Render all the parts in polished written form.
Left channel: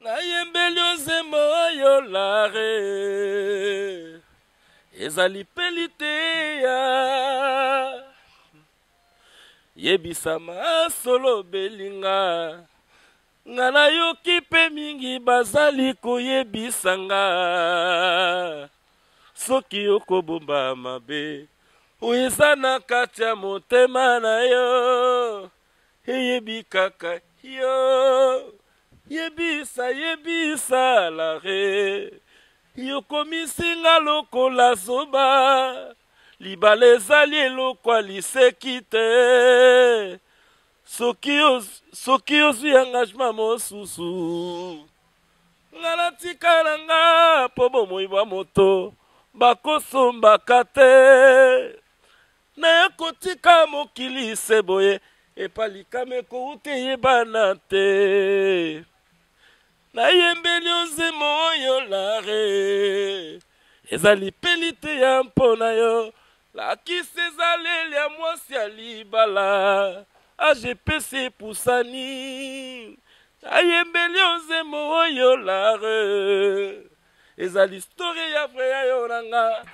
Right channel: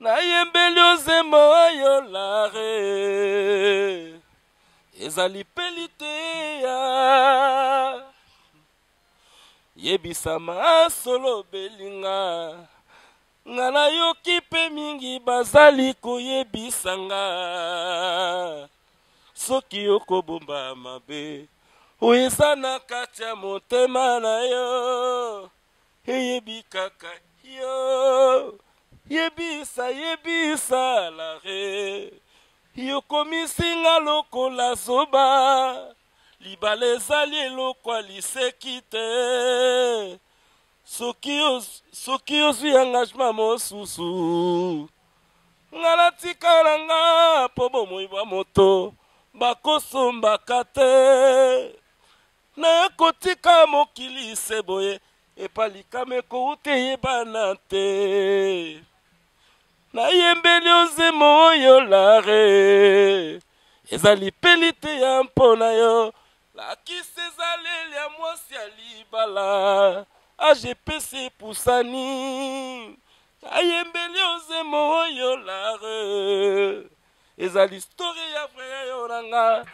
nayembeli ozembo oyo lare ezali peli te ya yebisama solo belinga nga nayoki mpe mingi bazali koyebisanga soki okobomba mabe oyo eza na kati ya motema na yo eyebi kaka yo yebisa yebisa lare yokomisinga lokola zoba libala ezali elokwa liseki te soki ozwi engagement mosusu nga natikala nga mpo bomoi bwa moto bakosombaka te naye kotika mokili se boye epalikame kouta eyebana te nayembeli ozemo oyo lare ezali peli te ya mpo na yo lakisi ezaleli ya mwasi ya libala agpc epusani nayembeli ozemo oyo lare ezali story ya vre ya yo nanga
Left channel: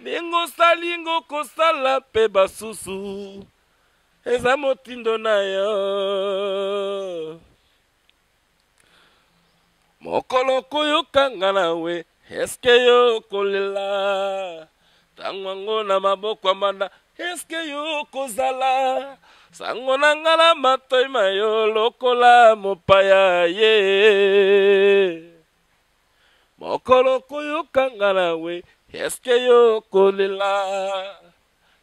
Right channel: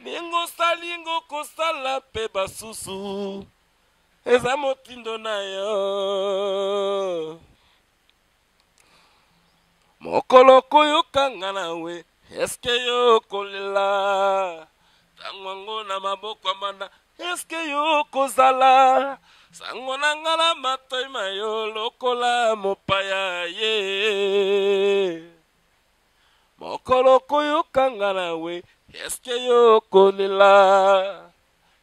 ndenge osalinga okosala mpe basusu eza motindo na yo mokolo koyokanga nawe eske yo kolela sango yango na maboko ya manda eske yo kozala sango na nga na matoi mayo lokola mopaya ye mokolo koyokanga nawe eske yo kolela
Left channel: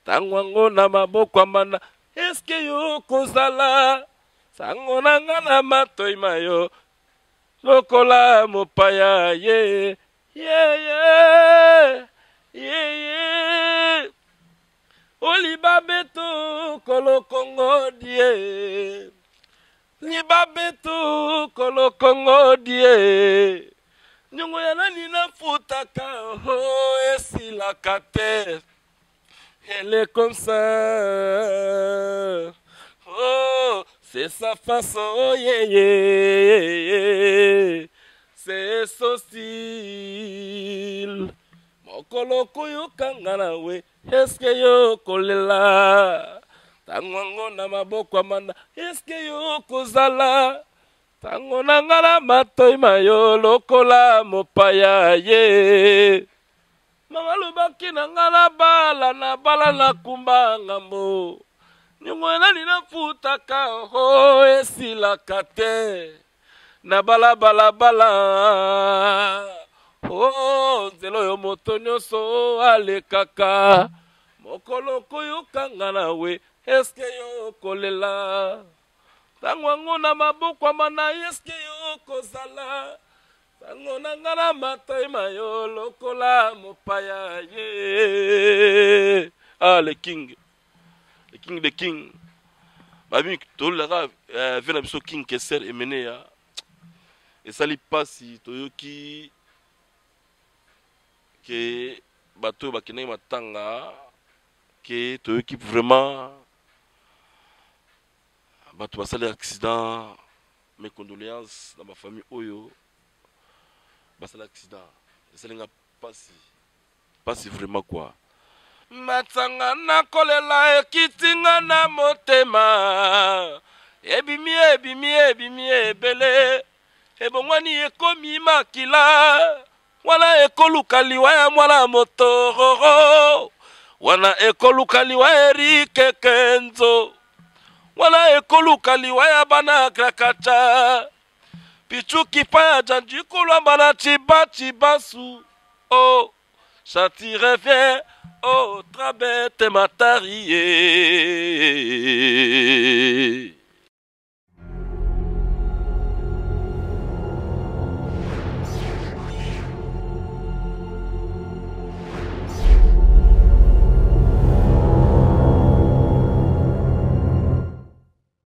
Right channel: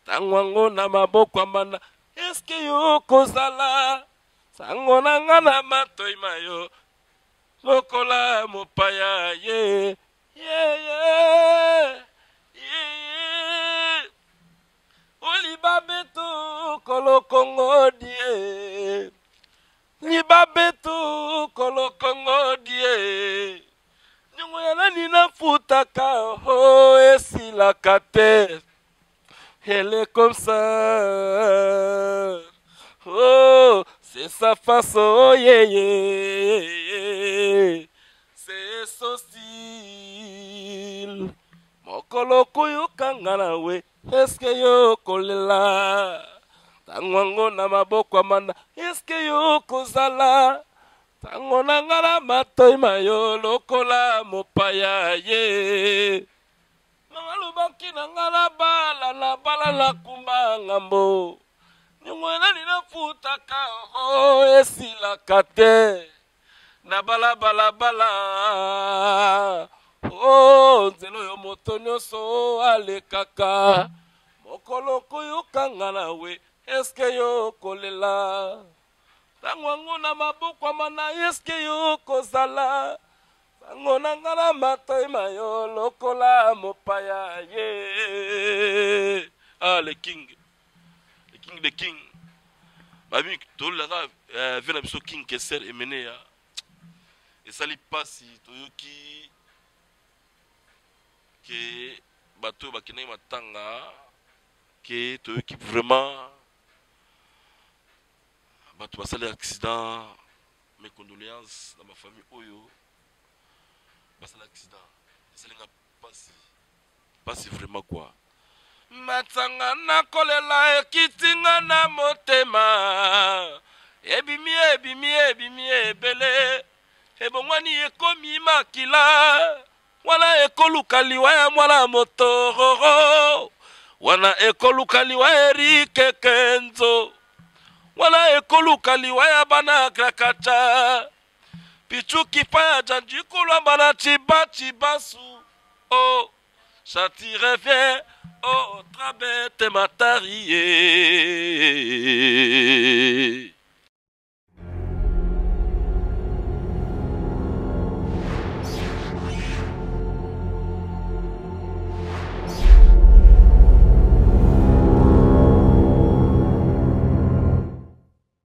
sango yango na maboko ya manda eske yo kozala sango na nga na matoi mayo lokola mopaya ye olibabeto kolokongo die libabeto kolokongo die nyongo ya nani nafutaka ho esilaka te elle est comme ça oh c'est sa façon c'est socil mokolo koyokanga nawe eske yo kolela tango yango na maboko ya manda eske yo kozala tango na nga na matoi mayo lokola mopaya ye mama lobaki na nga na bala na kumba ngambo nyongo nani nafutaka ho esilaka te na balabala oh nzela oyo moto nyonso alekaka mokolo koyokanga nawe eske yo kolela sango yango na maboko ya mana eske yo kozala sango na nga na matoi mayo lokola mopaya ye le king the king babi tolera vena biso king Kester emene ya esali pasi toyoki ke bato bakendaki matanga ke toyoki vraiment bato basali accident mes condoléances na bafamille oyo basali accident esalinga pasi vraiment quoi matanga nakolela ekisinga na motema ebimi ebele ebongwani ekomi makila wana ekoluka liwa ya mwana moto wana ekoluka liwa Erike Kenzo wana ekoluka liwa ya bana kakata pisuki pa ya janjikulu bana tibati basu oh ça t'y revient oh trabete matarie